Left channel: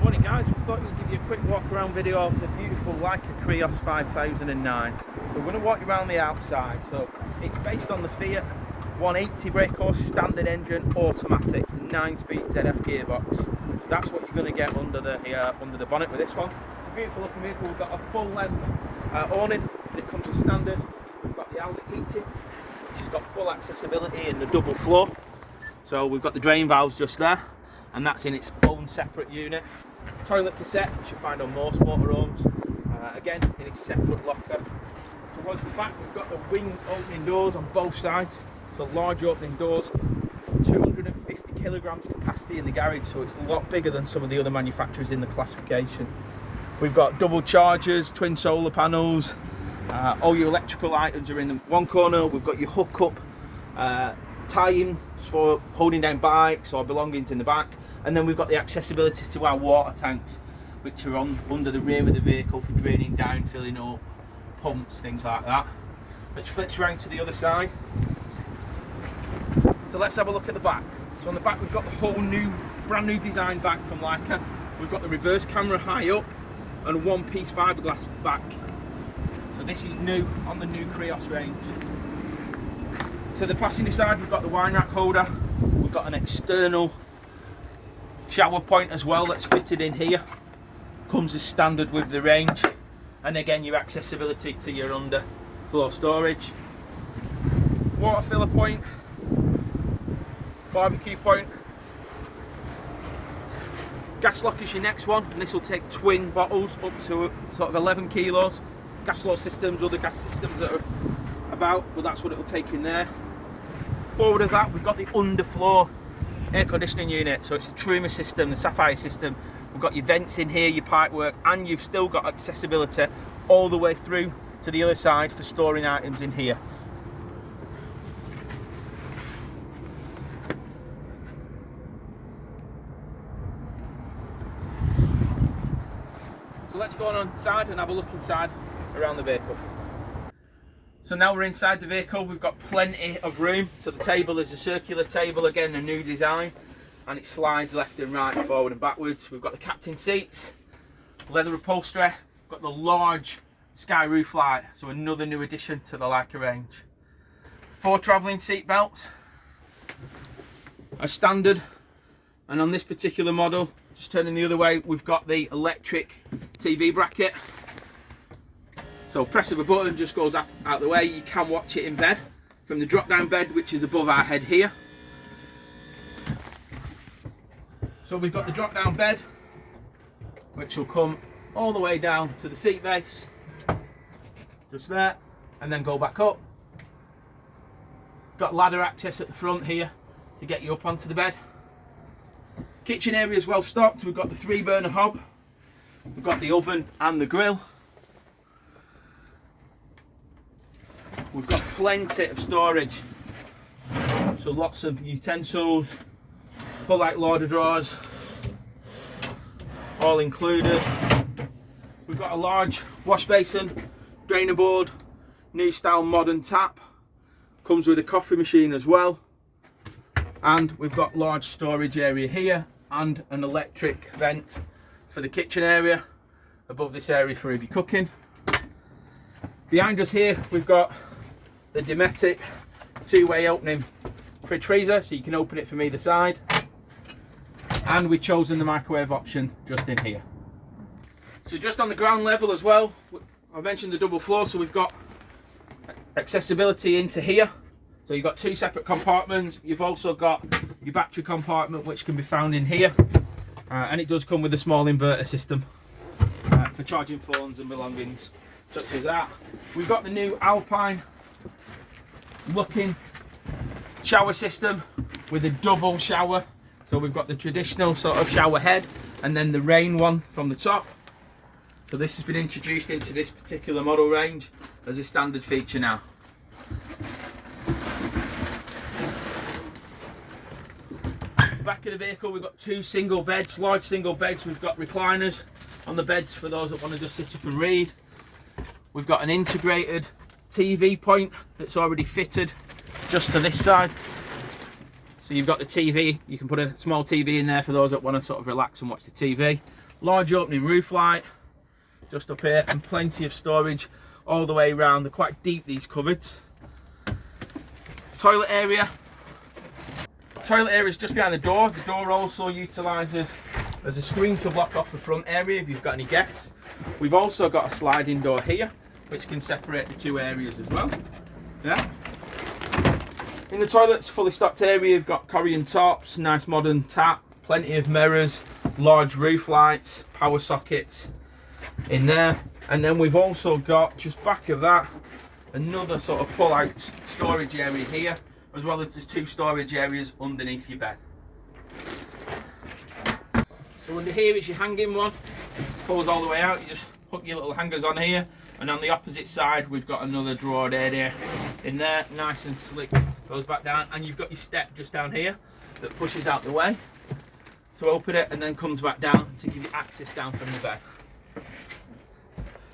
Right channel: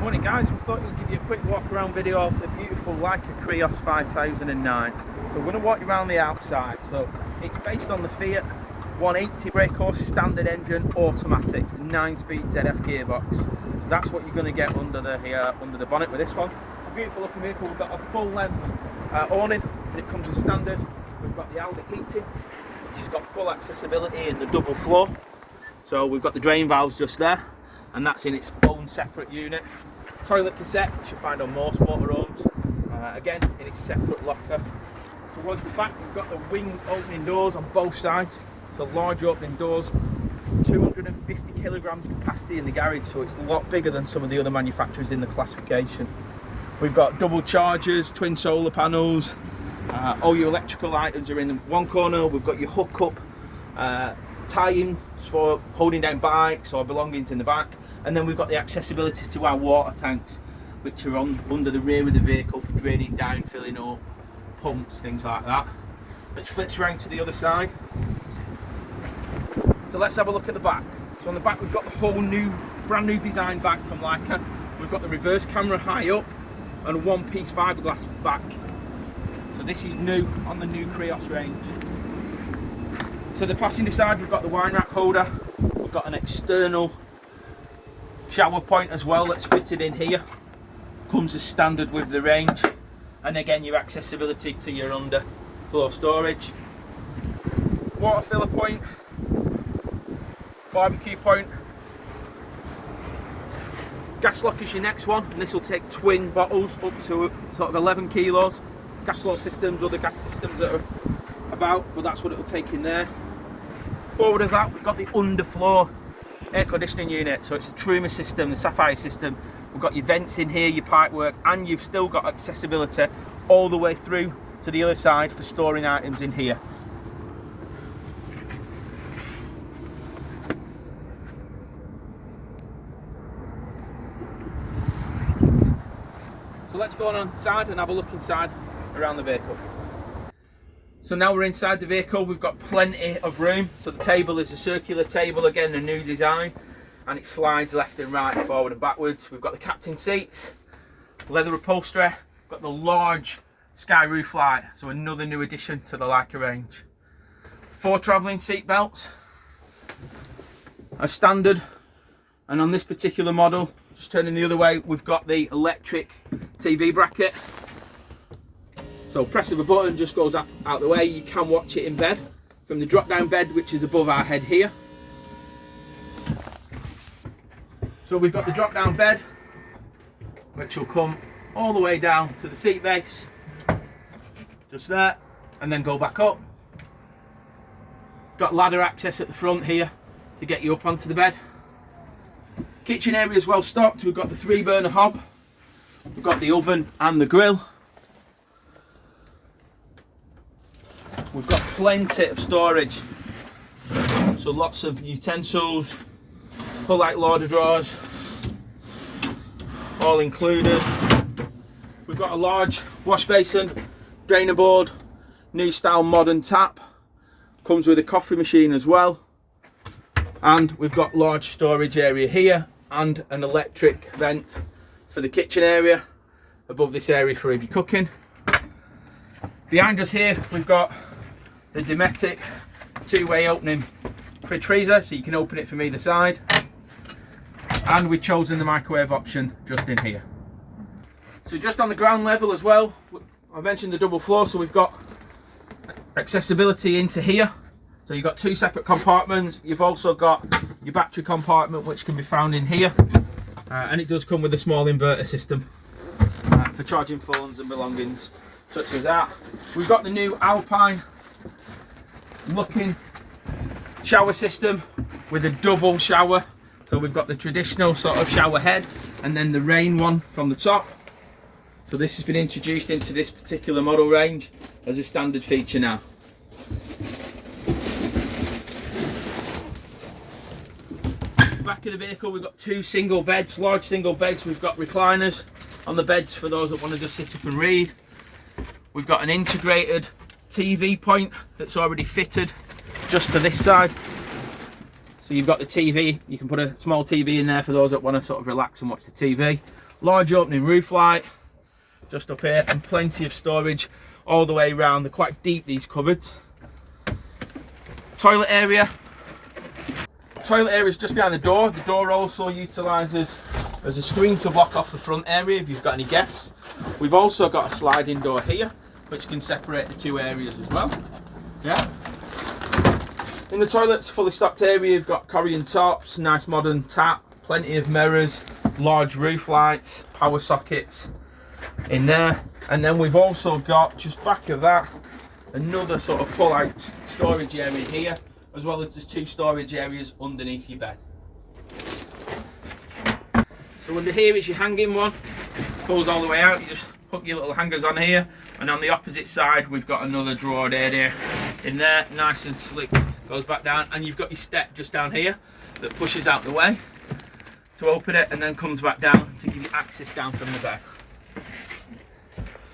Morning guys, we thought we'd give you a quick walk around video of the beautiful Laika Kreos 5009. So we're going to walk you around the outside. So it's based on the Fiat 180 brake horse standard engine automatic, it's a 9-speed ZF gearbox. So that's what you're going to get under the bonnet with this one. It's a beautiful looking vehicle. We've got a full length awning, but it comes as standard. We've got the outlet heating, which has got full accessibility in the double floor. So we've got the drain valves just there, and that's in its own separate unit. Toilet cassette, which you find on most motorhomes, again in its separate locker. Towards the back we've got the wing opening doors on both sides, so large opening doors, 250 kilograms capacity in the garage, so it's a lot bigger than some of the other manufacturers in the classification. We've got double chargers, twin solar panels, all your electrical items are in one corner. We've got your hookup tie-in for holding down bikes or belongings in the back, and then we've got the accessibility to our water tanks, which are under the rear of the vehicle for draining down, filling up, pumps, things like that. Let's flips around to the other side. So let's have a look at the back. So on the back we've got the whole new, brand new design back from Laika. We've got the reverse camera high up and a one-piece fiberglass back. So this is new on the new Kreos range. So the passenger side, we've got the wine rack holder, we've got an external shower point as well that's fitted in here, comes as standard with the range, and again your accessibility to your underfloor storage. Water filler point, barbecue point, gas lock is your next one, and this will take twin bottles up to sort of 11 kilos. Gas lock systems, other gas systems that are about, but that's what it will take in there. Forward of that, we've got the underfloor air conditioning unit, so it's the Truma system, the Sapphire system. We've got your vents in here, your pipework, and you've still got accessibility all the way through to the other side for storing items in here. So let's go on inside and have a look inside around the vehicle. So now we're inside the vehicle, we've got plenty of room. So the table is a circular table, again a new design, and it slides left and right, forward and backwards. We've got the captain seats, leather upholstery, we've got the large sky roof light, so another new addition to the Laika range. 4 travelling seat belts are standard, and on this particular model, just turning the other way, we've got the electric TV bracket. So press of a button just goes out the way. You can watch it in bed from the drop down bed, which is above our head here. So we've got the drop down bed, which will come all the way down to the seat base, just there, and then go back up. Got ladder access at the front here to get you up onto the bed. Kitchen area is well stocked. We've got the 3-burner hob, we've got the oven and the grill. We've got plenty of storage, so lots of utensils, pull-out loader drawers, all included. We've got a large wash basin, drainer board, new style modern tap, comes with a coffee machine as well, and we've got large storage area here and an electric vent for the kitchen area above this area for if you're cooking. Behind us here we've got the Dometic 2-way opening fridge freezer, so you can open it from either side, and we've chosen the microwave option just in here. So just on the ground level as well, I mentioned the double floor, so we've got accessibility into here, so you've got 2 separate compartments. You've also got your battery compartment, which can be found in here, and it does come with a small inverter system for charging phones and belongings such as that. We've got the new Alpine looking shower system with a double shower, so we've got the traditional sort of shower head and then the rain one from the top. So this has been introduced into this particular model range as a standard feature now. The back of the vehicle, we've got 2 single beds, large single beds. We've got recliners on the beds for those that want to just sit up and read. We've got an integrated TV point that's already fitted just to this side, so you've got the TV, you can put a small TV in there for those that want to sort of relax and watch the TV. Large opening roof light just up here, and plenty of storage all the way around. They're quite deep, these cupboards. Toilet area. Toilet area is just behind the door. The door also utilises as a screen to block off the front area if you've got any guests. We've also got a sliding door here which can separate the two areas as well. Yeah. In the toilets, fully stocked area, you've got Korean tops, nice modern tap, plenty of mirrors, large roof lights, power sockets in there. And then we've also got, just back of that, another sort of pull out storage area here, as well as there's 2 storage areas underneath your bed. So under here is your hanging one, pulls all the way out. You just hook your little hangers on here, and on the opposite side we've got another drawer area in there, nice and slick, goes back down, and you've got your step just down here that pushes out the way to open it and then comes back down to give you access down from the bed.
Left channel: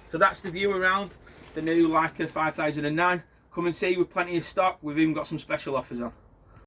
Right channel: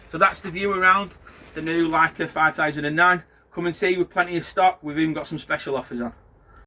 So that's the view around the new Laika 5009. Come and see, with plenty of stock. We've even got some special offers on.